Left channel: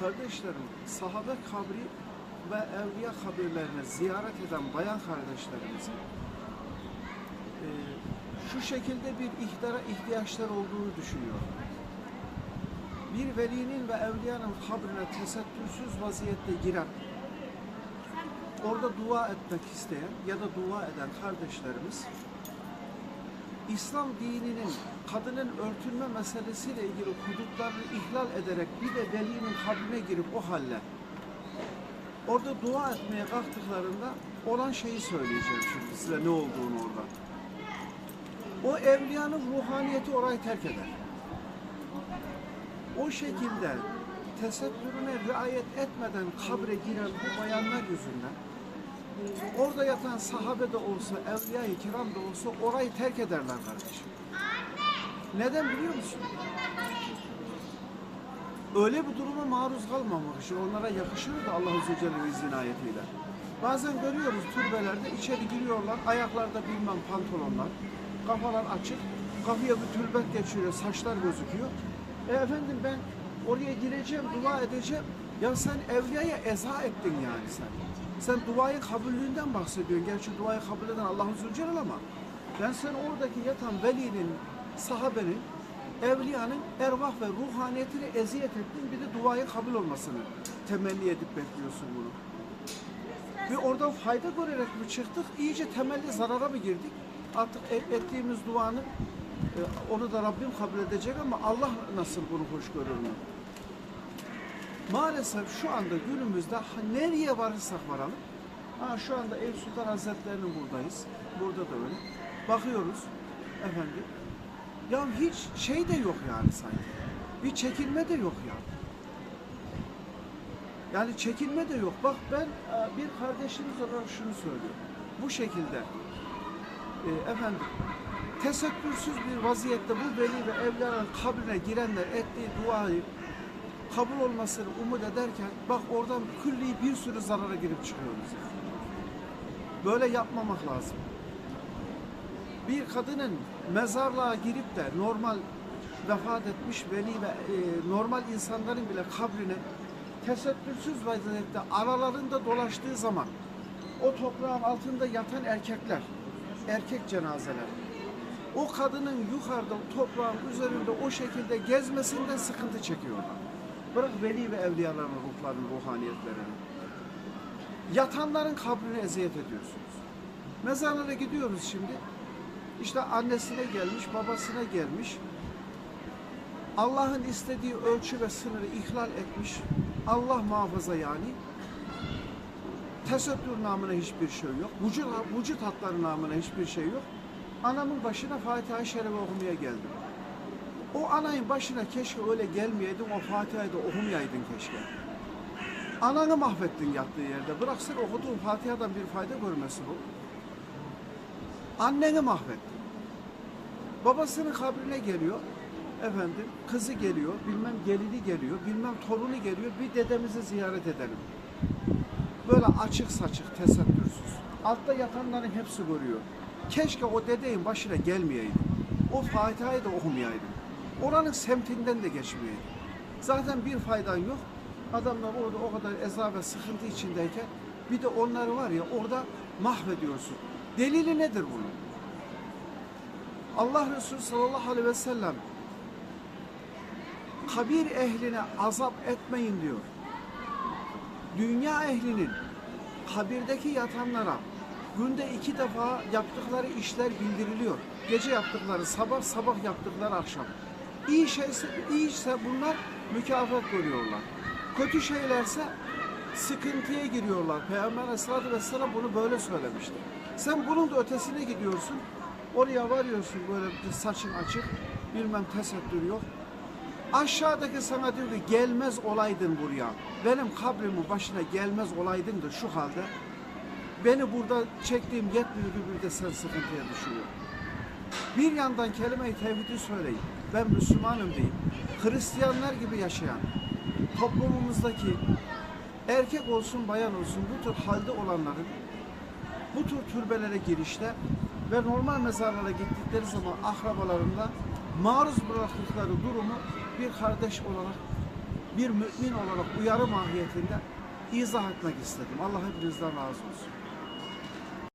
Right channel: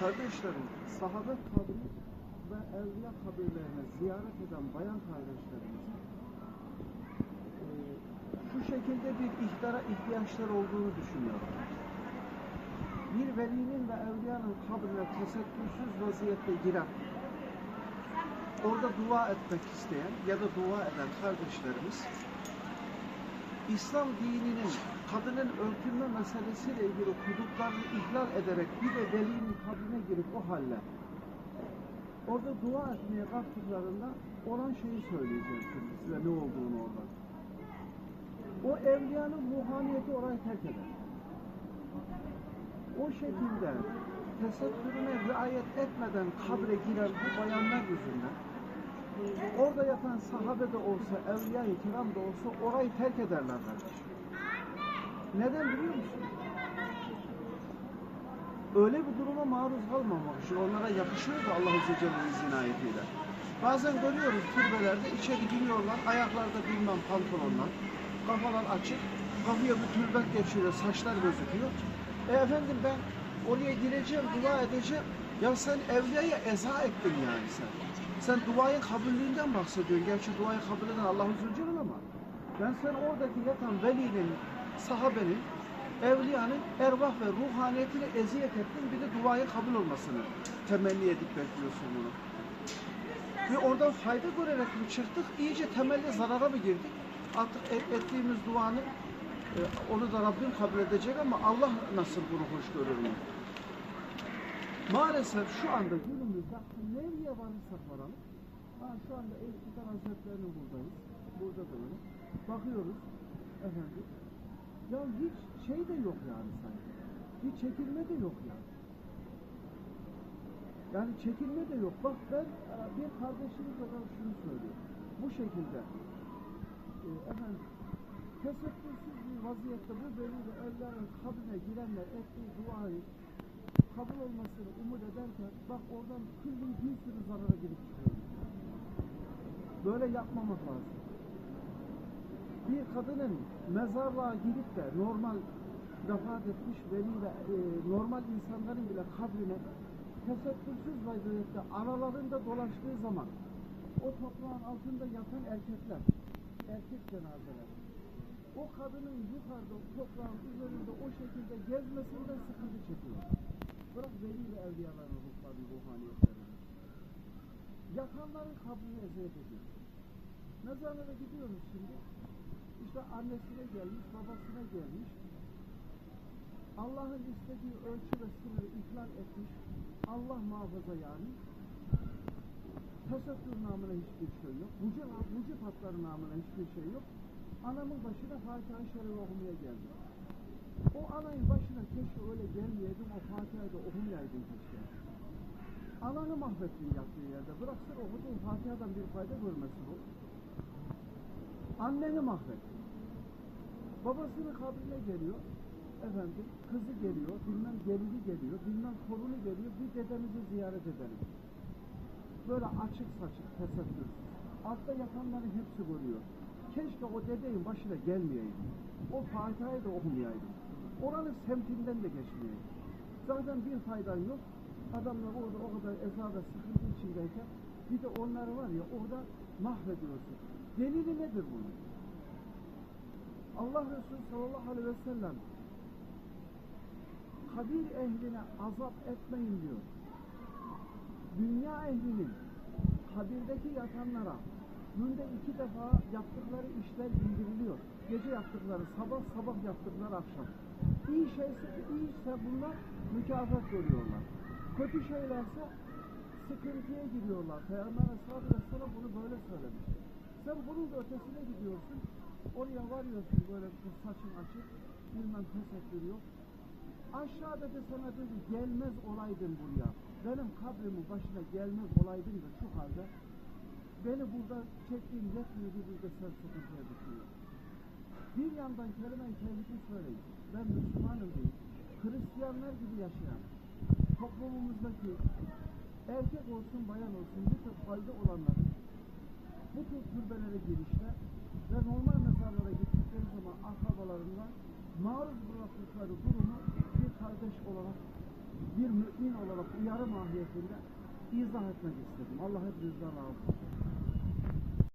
Kardeşlerim, sahabe kabri ve evliya kabirlerini ziyaret eden bayan kardeşlerimizin e, şu şekilde bir ihtara ihtiyaçları olduğunu düşünüyorum. Bir velinin ve evliyanın kabrine tesettürsüz vaziyette giren, orada dua etmek isteyen ya da dua eden kardeşlerimiz İslam dininin kadının örtünme meselesiyle ilgili hudutlarını ihlal ederek bir de velinin kabrine girip o halle orada dua etmeye kalktıklarında olan şeyi söyleyeceğim şimdi size ne olduğunu orada. O evliyanın ruhaniyeti orayı terk eder. O şekilde tesettürüne riayet etmeden kabre giren bu bayanlar yüzünden orada yatan sahabe de olsa, evliya-i kiram da olsa orayı terk ederler kardeşim. Neden biliyor musun? Öyle bir duruma maruz kalmamak için onlara yakışıyor da Allah Azze ve Celle'nin izin ayetiyle. Bazen görüyoruz türbelerde içeri giriyorlar, ayaklarda bilmem pantolonlar, kafalar açık, kafaya bir tülbent geçiyor, saçlar gözüküyor. E efendim ben oraya gireceğim, dua edeceğim. Ya sen evliyaya eza ettin yani sen. Sen duayı kabulünden bahsediyorsun. Gerçi duayı kabul eden Allah Azze Celal ama ben sen oradaki yatan velinin, sahabenin, evliyanın ervah ve ruhaniyetine eziyet ettin. Bir de duayı kabul olmasını temenni edip bekliyorsun bunu. Ve oradan fayda görerek mi çıktık? İyice temelli zarara mı girdik? Artık et- ettiğimiz duanın e, onu da Rabbim kabul edecek ama Allah nasıl bunu hoş görür mü? Maalesef şu anda günümüzde nereye varırsak varalım. Ha, şu anda Eyüp Sultan Hazretleri'nin buradayız. Burada da öyle. Bakıyoruz efendim. Ya hiç şey de yok yani sanki. Bir çekilme de yok ya. Yani çekilme de yok. Bak ben e, bir kardeşimiz olarak şunu söylüyorum. Bu şekilde e, efendim tesettürsüz bir vaziyette bu veli ve evliyanın kabrine girenler ettiği duayı kabul olmasını umut ederken bak oradan külli bir sürü zarara girip çıkıyoruz. Böyle yapmamak lazım. Bir kadının mezarlığa girip de normal vefat etmiş veli ve e, normal insanların bile kabrine tesettürsüz vaziyette aralarında dolaştığı zaman o toprağın altında yatan erkekler, erkek cenazeler, o kadının yukarıda toprağın üzerinde o şekilde gezmesinden sıkıntı çekiyorlar. Bırak veli ve evliyaların ruhlarını, ruhaniyetlerini. Yatanların kabrine eziyet ediyorsunuz. Mezarlara gidiyoruz şimdi. İşte annesine gelmiş, babasına gelmiş. Allah'ın istediği ölçü ve sınırı ihlal etmiş. Allah muhafaza yani. Tesettür namına hiçbir şey yok. Vücut, vücut hatları namına hiçbir şey yok. Anamın başına Fatiha-i Şerife okumaya geldim. Anayın başına keşke öyle gelmeyeydin, o Fatiha'yı da okumayaydın keşke. Ananı mahvettin yattığı yerde. Bıraksın okuduğun Fatiha'dan bir fayda görmesin o. Anneni mahvettin. Babasının kabrine geliyor. Efendim, kızı geliyor, bilmem gelini geliyor, bilmem torunu geliyor. Bir dedemizi ziyaret edelim. Böyle açık saçık, tesettürsüz. Altta yatanların hepsi görüyor. Keşke o dedeyin başına gelmeyeydin. O Fatiha'yı da okumayaydın. Oranın semtinden de geçmeyeydin. Zaten bir faydan yok. Adamlar orada o kadar eza ve sıkıntı içindeyken bir de onları var ya orada mahvediyorsun. Delili nedir bunun? Allah Resulü sallallahu aleyhi ve sellem kabir ehline azap etmeyin diyor. Dünya ehlinin kabirdeki yatanlara günde iki defa yaptıkları işler bildiriliyor. Gece yaptıkları sabah, sabah yaptıkları akşam. İyi şeyse, iyiyse bunlar mükafat görüyorlar. Kötü şeylerse sıkıntıya giriyorlar. Peygamber Aleyhisselatü Vesselam bunu böyle söylemişti. Sen bunun da ötesine gidiyorsun. Oraya varıyorsun böyle bir saçın açık, bilmem tesettür yok. Aşağıdaki sana diyor ki gelmez olaydın buraya. Benim kabrimin başına gelmez olaydın da şu halde beni burada çektiğim yetmiyordu bir de sen sıkıntıya düşüyor. Bir yandan kelime-i tevhidi söyleyin. Ben Müslümanım deyip Hristiyanlar gibi yaşayan toplumumuzdaki erkek olsun bayan olsun bu tür halde olanların bu tür türbelere girişte ve normal mezarlara gittikleri zaman akrabalarında maruz bıraktıkları durumu bir kardeş olarak bir mümin olarak uyarı mahiyetinde izah etmek istedim. Allah hepinizden razı olsun.